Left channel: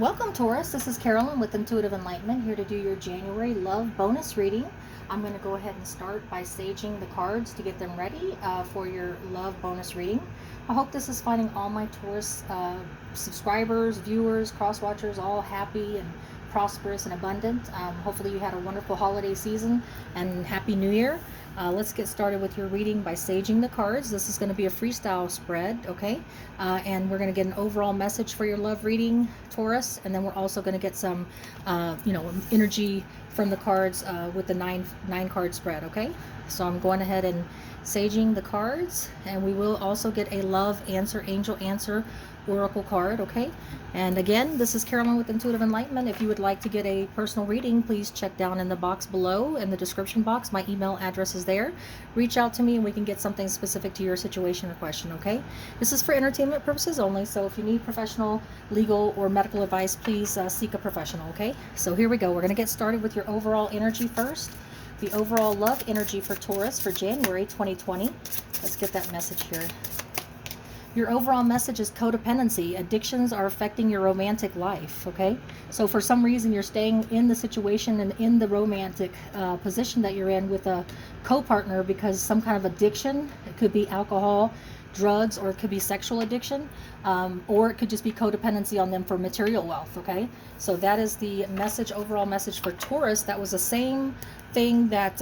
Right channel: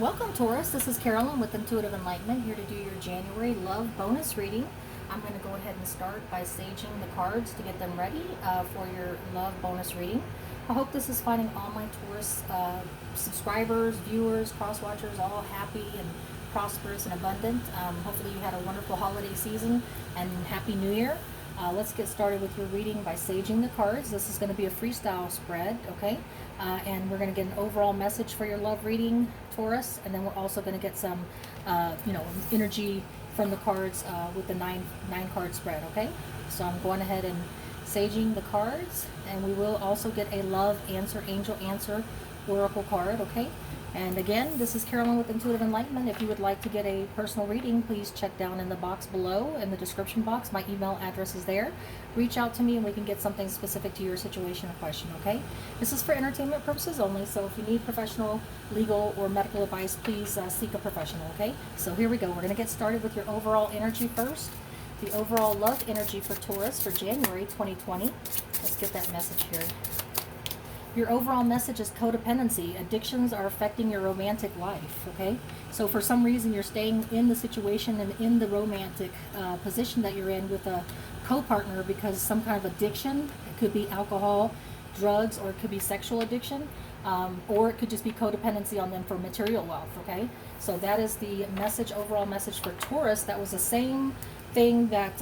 Welcome, Taurus. This is Carolyn with Intuitive Enlightenment, here to do your January love bonus reading. I'm going to go ahead and start by saging the cards to get them ready for your love bonus reading. I hope this is finding all my Taurus subscribers, viewers, cross watchers all happy and prosperous and abundant. Hopefully you had a wonderful holiday season and Happy New Year. Let's get started with your reading by saging the cards. This is going to be a freestyle spread, okay? And we're going to get an overall message for your love reading, Taurus, and then we're also going to get some, energy from the cards with the nine card spread, okay? So I'm going ahead and saging the cards, and we will also get a love answer, angel answer, oracle card, okay? And again, this is Carolyn with Intuitive Enlightenment. If you would like to get a personal reading, please check down in the box below in the description box. My email address is there. Reach out to me and we can get something specific to your situation or question, okay? This is for entertainment purposes only, so if you need professional, legal, or medical advice, please seek a professional, okay? So here we go. We're going to get started with your overall energy first. The overall love energy for Taurus for January 2020. Let's get that message here. Your overall message is codependency. Addictions are affecting your romantic life, okay? So for some reason you're staying in the situation and in the romantic position that you're in with a co-partner because some kind of addiction. It could be alcohol, drugs, or it could be sexual addiction, or it could just be codependency on them for material wealth, okay? So that is the message, overall message for Taurus. That was the same thing that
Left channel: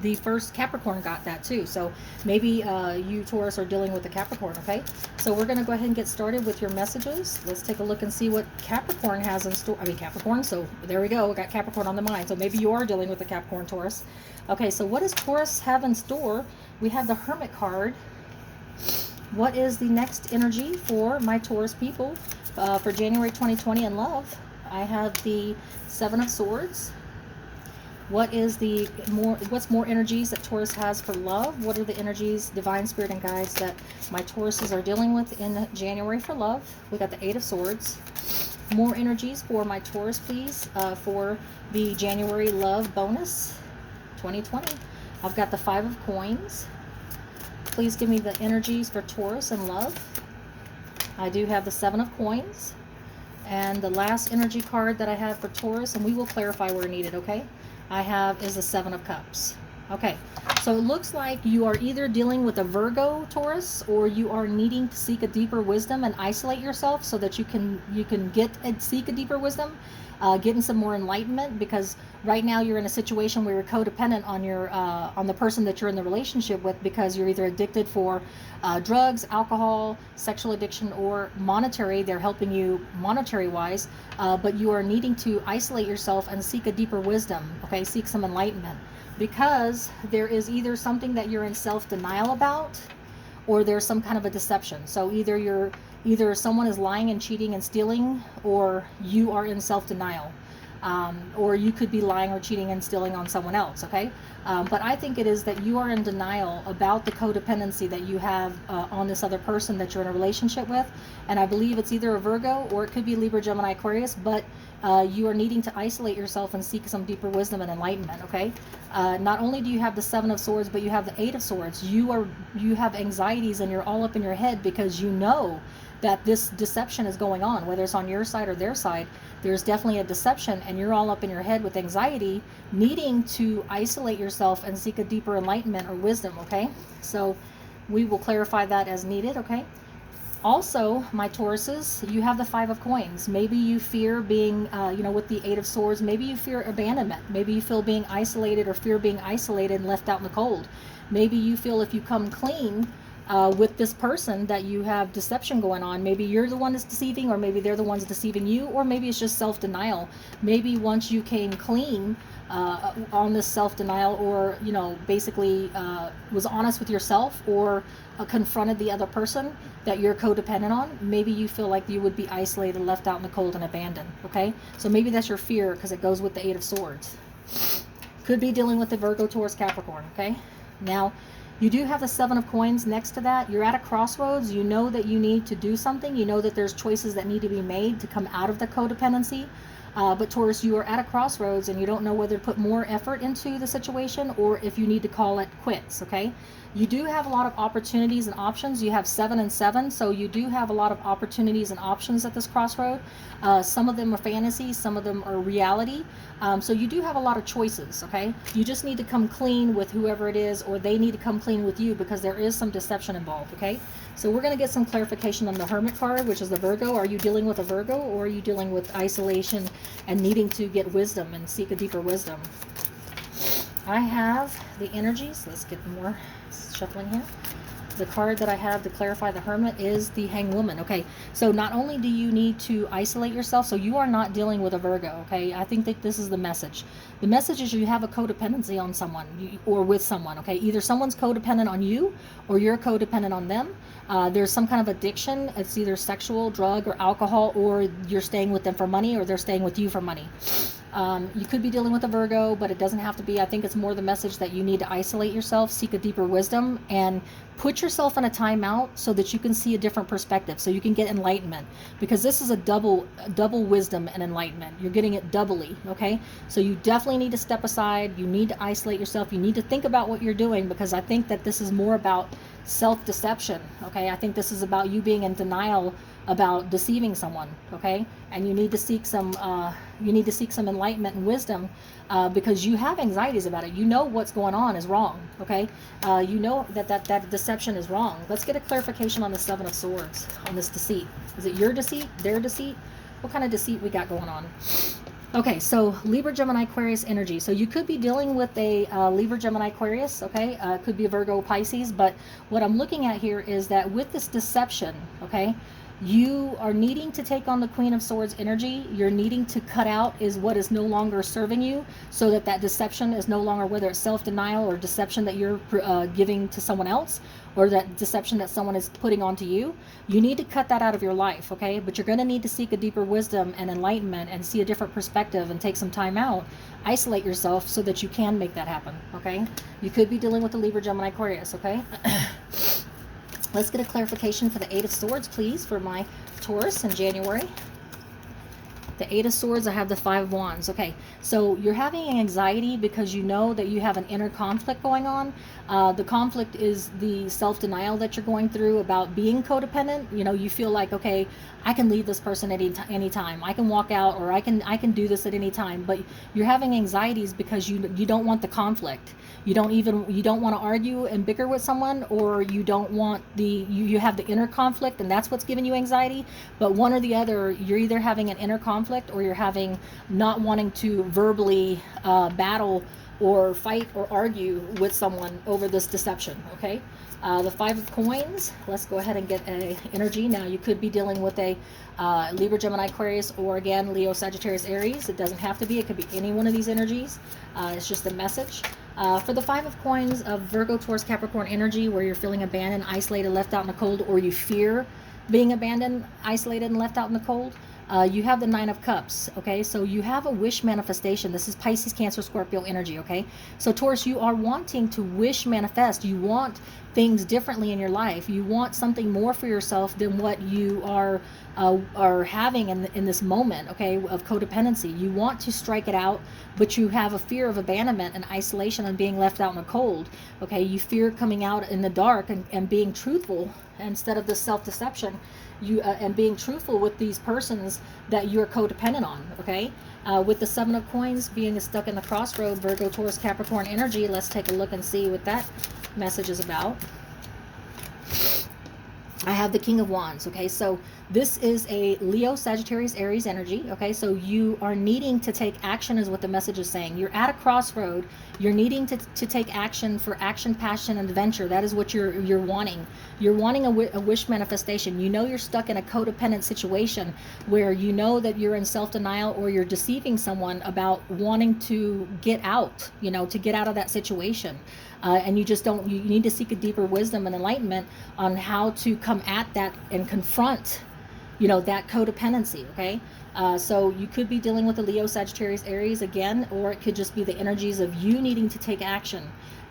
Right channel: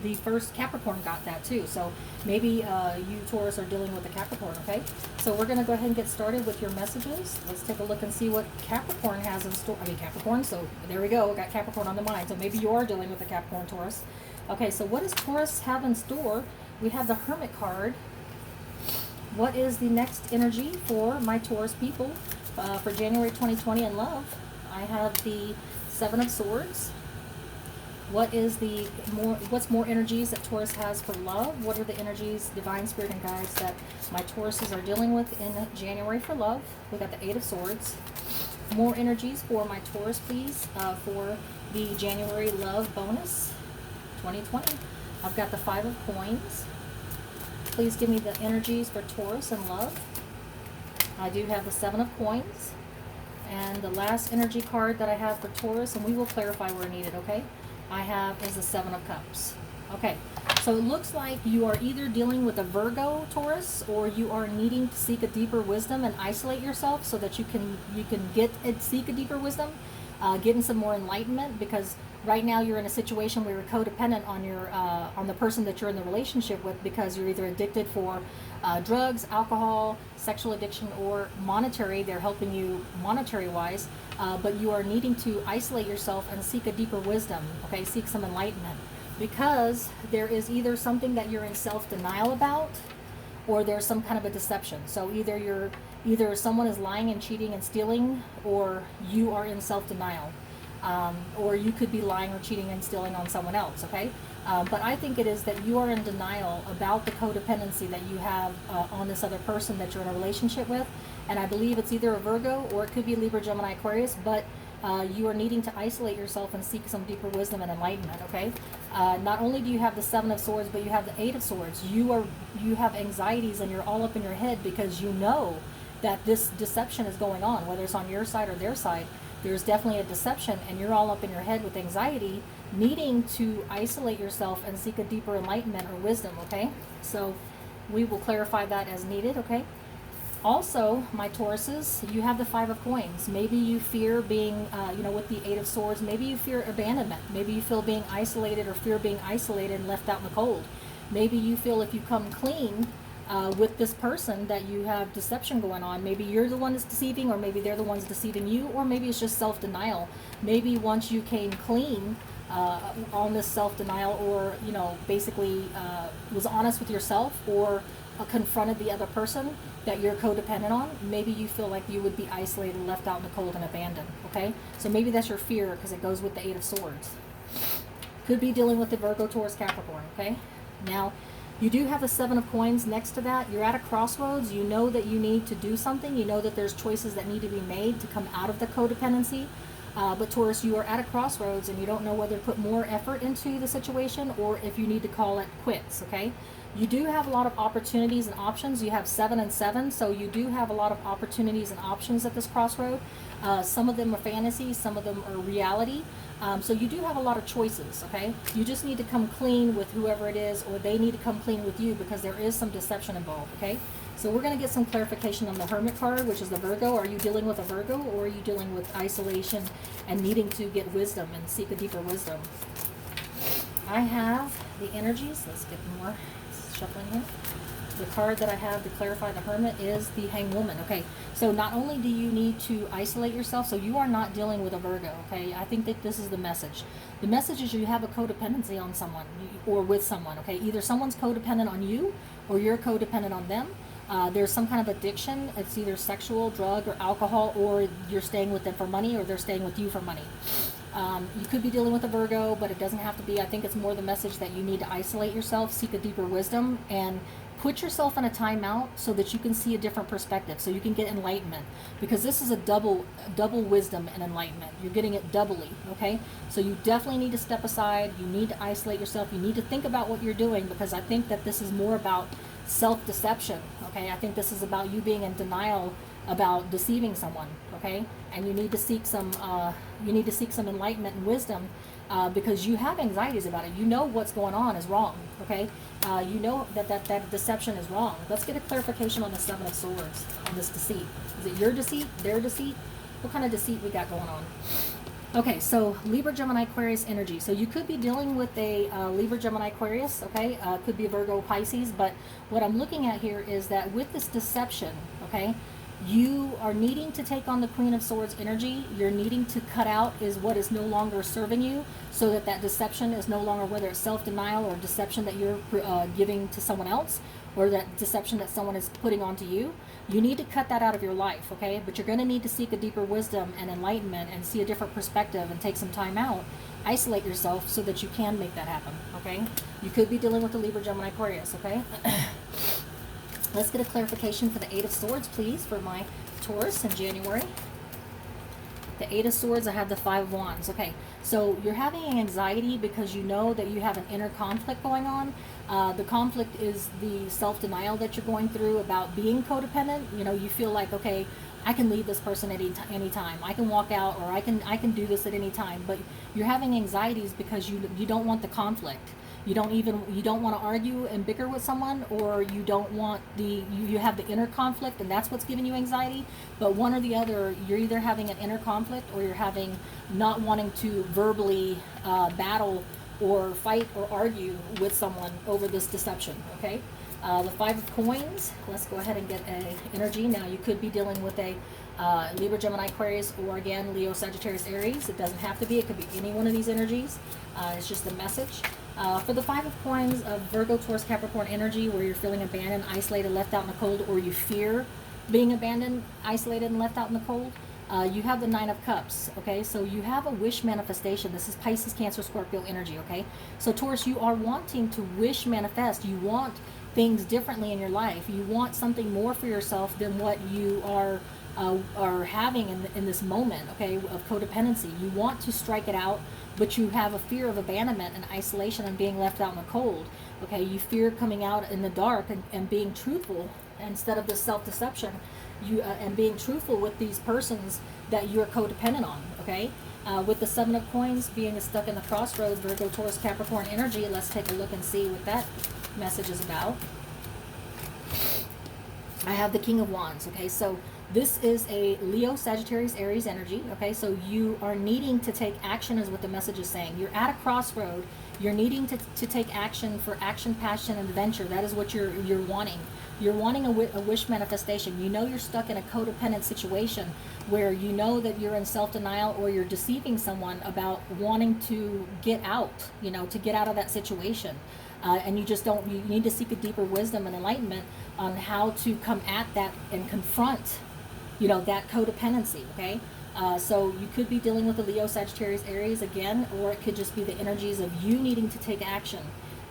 the first Capricorn got that too. So maybe you Taurus are dealing with the Capricorn, okay? So we're going to go ahead and get started with your messages. Let's take a look and see what Capricorn has in store. I mean Capricorn, so there we go. I got Capricorn on the mind. So maybe you are dealing with the Capricorn, Taurus. Okay, so what does Taurus have in store? We have the Hermit card. What is the next energy for my Taurus people for January 2020 in love? I have the Seven of Swords. What's more energies that Taurus has for love? What are the energies, divine spirit and guides that my Tauruses are dealing with in January for love? We got the Eight of Swords. More energies for my Taurus, please, for the January love bonus 2020. I've got the Five of Coins. Please give me the energies for Taurus and love. I do have the Seven of Coins. And the last energy card that I have for Taurus, and we will clarify where needed, okay? I have is the Seven of Cups. Okay, so it looks like you are either dealing with a Virgo, Taurus, or you are needing to seek a deeper wisdom and isolate yourself so that you can seek a deeper wisdom, getting some more enlightenment, because right now you're in a situation where you're codependent on the person that you're in the relationship with, because you're either addicted for drugs, alcohol, sexual addiction, or monetary. They're helping you monetary wise, but you are needing to isolate yourself and seek a deeper wisdom, okay? Seek some enlightenment, because there is either something that you're in self-denial about, or there's some kind of a deception. So either someone is lying and cheating and stealing, or you are in self-denial. Or you could be lying or cheating and stealing on someone else, okay? But I think it is that you are in denial about the codependency that you have on this other person that you're in a relationship with. And I believe it's either a Virgo or it could be Libra, Gemini, Aquarius, but you are needing to isolate yourself and seek some deeper wisdom and enlightenment, okay? Not only do you have the Seven of Swords, but you have the Eight of Swords. You have anxieties and you're all up in your head because you know that this deception is going on, whether it's on your side or their side. There's definitely a deception, and you're all up in your head with anxiety, needing to isolate yourself and seek a deeper enlightenment or wisdom, okay? So we will clarify that as needed, okay? Also, my Tauruses, you have the Five of Coins. Maybe you fear being, with the Eight of Swords, maybe you fear abandonment. Maybe you feel being isolated or fear being isolated and left out in the cold. Maybe you feel if you come clean with this person that you have deception going on. Maybe you're the one that's deceiving, or maybe they're the ones deceiving you, or maybe it's just self-denial. Maybe once you came clean on this self-denial, or basically was honest with yourself, or confronted the other person that you're codependent on, maybe you feel like you would be isolated, left out in the cold, and abandoned, okay? So maybe that's your fear, because it goes with the Eight of Swords. Could be dealing with the Virgo, Taurus, Capricorn, okay? Now, you do have the Seven of Coins next to that. You're at a crossroads. You know that you need to do something. You know that there's choices that need to be made to come out of the codependency. But Taurus, you are at a crossroads and you don't know whether to put more effort into the situation or if you need to call it quits, okay? You do have a lot of opportunities and options. You have 7 and 7, so you do have a lot of opportunities and options at this crossroad. Some of them are fantasy, some of them are reality. So you do have a lot of choices, okay? You just need to come clean with whoever it is, or they need to come clean with you, because there is some deception involved, okay? So we're going to get some clarification on the Hermit card, which is the Virgo. Are you dealing with a Virgo, or are you dealing with isolation and needing to get wisdom and seek a deeper wisdom? I have the energies. Let's get more shuffling here. The card that I have to clarify the Hermit is the Hanged Woman. Okay, so not only do you need to isolate yourself, so you are not dealing with a Virgo, okay? I think that this is the message. The message is you have a codependency on someone or with someone, okay? Either someone's codependent on you or you're codependent on them. There's some kind of addiction. It's either sexual, drug, or alcohol, or you're staying with them for money, or they're staying with you for money. You could be dealing with a Virgo, but it doesn't have to be. I think it's more the message that you need to isolate yourself, seek a deeper wisdom, and put yourself in a timeout so that you can see a different perspective, so you can get enlightenment, because this is a double wisdom and enlightenment. You're getting it doubly, okay? So you definitely need to step aside. You need to isolate yourself. You need to think about what you're doing, because I think that this is more about self-deception, okay? I think this is about you being in denial about deceiving someone, okay? And you need to seek some enlightenment and wisdom, because you have anxieties about it. You know what's going on is wrong, okay? You know that deception is wrong. Let's get a clarification on the Seven of Swords, on this deceit. Is it your deceit, their deceit? What kind of deceit we got going on? Okay, so Libra, Gemini, Aquarius energy. So you could be dealing with a Libra, Gemini, Aquarius, okay? Could be a Virgo, Pisces, but what I'm looking at here is that with this deception, okay, you are needing to take on the Queen of Swords energy. You're needing to cut out is what is no longer serving you, so that that deception is no longer, whether it's self-denial or deception that you're giving to someone else, or that deception that someone is putting onto you. You need to cut that out of your life, okay? But you're going to need to seek a deeper wisdom and enlightenment and see a different perspective and take some time out. Isolate yourself so that you can make that happen, okay? You could be dealing with the Libra, Gemini, Aquarius, okay? Let's get a clarification for the Eight of Swords, please, for my Taurus in January. The Eight of Swords, I have the Five of Wands. Okay, so you're having anxiety because you know that you have an inner conflict going on. The conflict is the self-denial that you're going through about being codependent. You know, you feel like, okay, I can leave this person at any time. I can walk out, or I can do this at any time. But you're having anxieties because you don't want the conflict. You don't want to argue and bicker with someone, or you don't want you have the inner conflict, and that's what's giving you anxiety. But one or the other, you're either having an inner conflict, or you're having not wanting to verbally battle or fight or argue with someone over this deception, okay? The Five of Coins, let's go ahead and get an energy. Now, you could be dealing with a Libra, Gemini, Aquarius, or again, Leo, Sagittarius, Aries. It doesn't have to be. It could be any one of these energies. It's just a message. For the Five of Coins of Virgo, Taurus, Capricorn energy, where you're feeling abandoned, isolated, left out in the cold, or you fear being abandoned, isolated, and left out in the cold, you have the Nine of Cups, okay? So you have a wish manifestation. This is Pisces, Cancer, Scorpio energy, okay? So Taurus, you are wanting to wish manifest. You want things differently in your life. You want something more for yourself than what you are having in this moment, okay, of codependency. You want to strike it out, but you have a fear of abandonment and isolation and being left out in the cold, okay? You fear coming out in the dark and being truthful instead of the self-deception, and being truthful with these persons that you're codependent on, okay? With the Seven of Coins being stuck in the crossroad, Virgo, Taurus, Capricorn energy, let's take a look and see what that message is about. I have the King of Wands, okay? So this is a Leo, Sagittarius, Aries energy, okay? So you are needing to take action is what the message is saying. You're at a crossroad. You're needing to take action for action, passion, and adventure. That is what you're wanting. You're wanting a wish manifestation. You know you're stuck in a codependent situation where you know that you're in self-denial, or you're deceiving someone about wanting to get out, you know, to get out of that situation. And you just don't, you need to seek a deeper wisdom and enlightenment on how to come at that and confront, you know, that codependency, okay? So you could be dealing with the Leo, Sagittarius, Aries again, or it could just be the energies of you needing to take action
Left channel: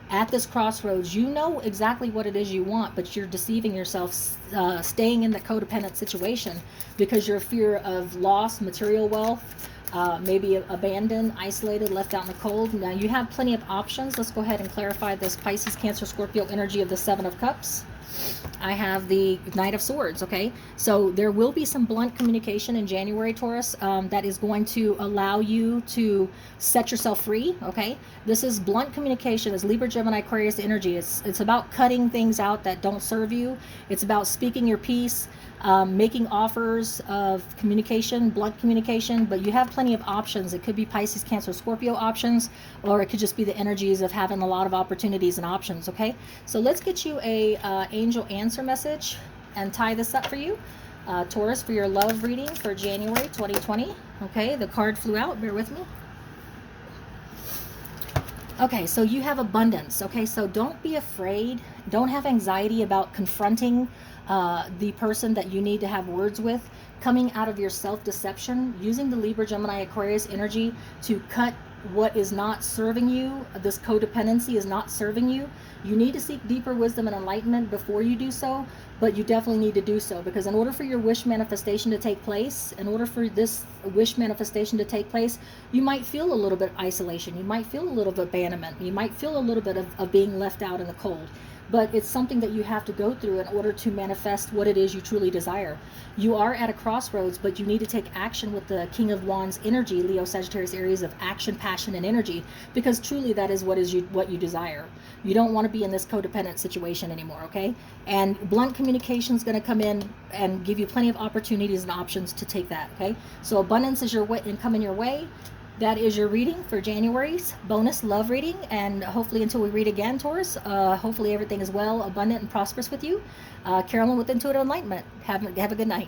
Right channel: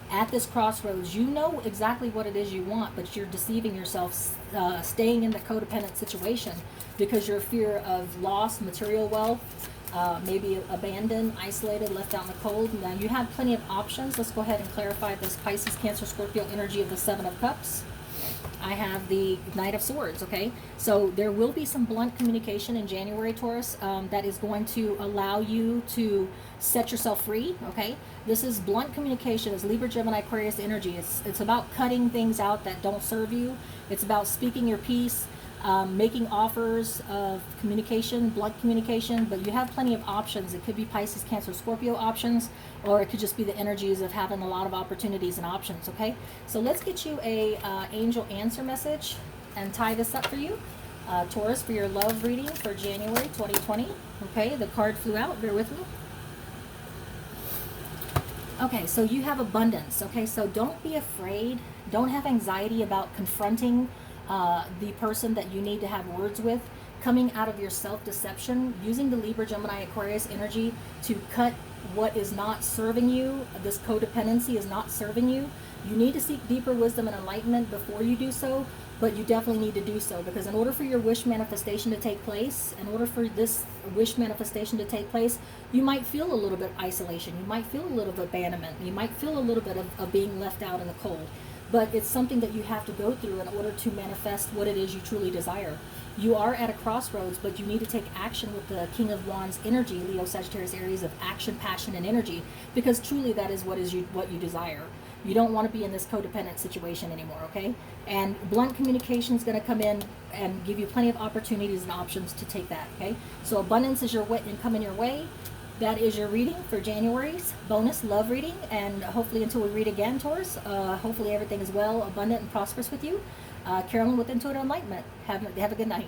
at this crossroads. You know exactly what it is you want, but you're deceiving yourself, staying in the codependent situation because you're fear of loss, material wealth, maybe abandoned, isolated, left out in the cold. Now you have plenty of options. Let's go ahead and clarify this Pisces, Cancer, Scorpio energy of the Seven of Cups. I have the Knight of Swords, okay? So there will be some blunt communication in January, Taurus, that is going to allow you to set yourself free, okay? This is blunt communication, as Libra, Gemini, Aquarius energy. It's about cutting things out that don't serve you. It's about speaking your piece, making offers of communication, blunt communication, but you have plenty of options. It could be Pisces, Cancer, Scorpio options, or it could just be the energies of having a lot of opportunities and options, okay? So let's get you a angel answer message and tie this up for you. Taurus, for your love reading for January 2020. Okay, the card flew out, bear with me. Okay, so you have abundance. Okay, so don't be afraid. Don't have anxiety about confronting the person that you need to have words with, coming out of your self-deception, using the Libra, Gemini, Aquarius energy to cut what is not serving you. This codependency is not serving you. You need to seek deeper wisdom and enlightenment before you do so, but you definitely need to do so, because in order for your wish manifestation to take place, in order for this wish manifestation to take place, you might feel a little bit of isolation. You might feel a little bit of abandonment. You might feel a little bit of being left out in the cold. But it's something that you have to go through in order to manifest what it is you truly desire. You are at a crossroads, but you need to take action with the King of Wands energy, Leo, Sagittarius, Aries, of action, passion, and energy, because truly that is what you desire. You don't want to be in this codependent situation anymore, okay? And blunt communication is going to come in and give you plenty of opportunities and options to take that, okay? So abundance is coming your way. That is your reading for January's bonus love reading, and hopefully until we read again, Taurus, hopefully everything is well, abundant, and prosperous with you. Carolyn with Intuitive Enlightenment. Have a good night.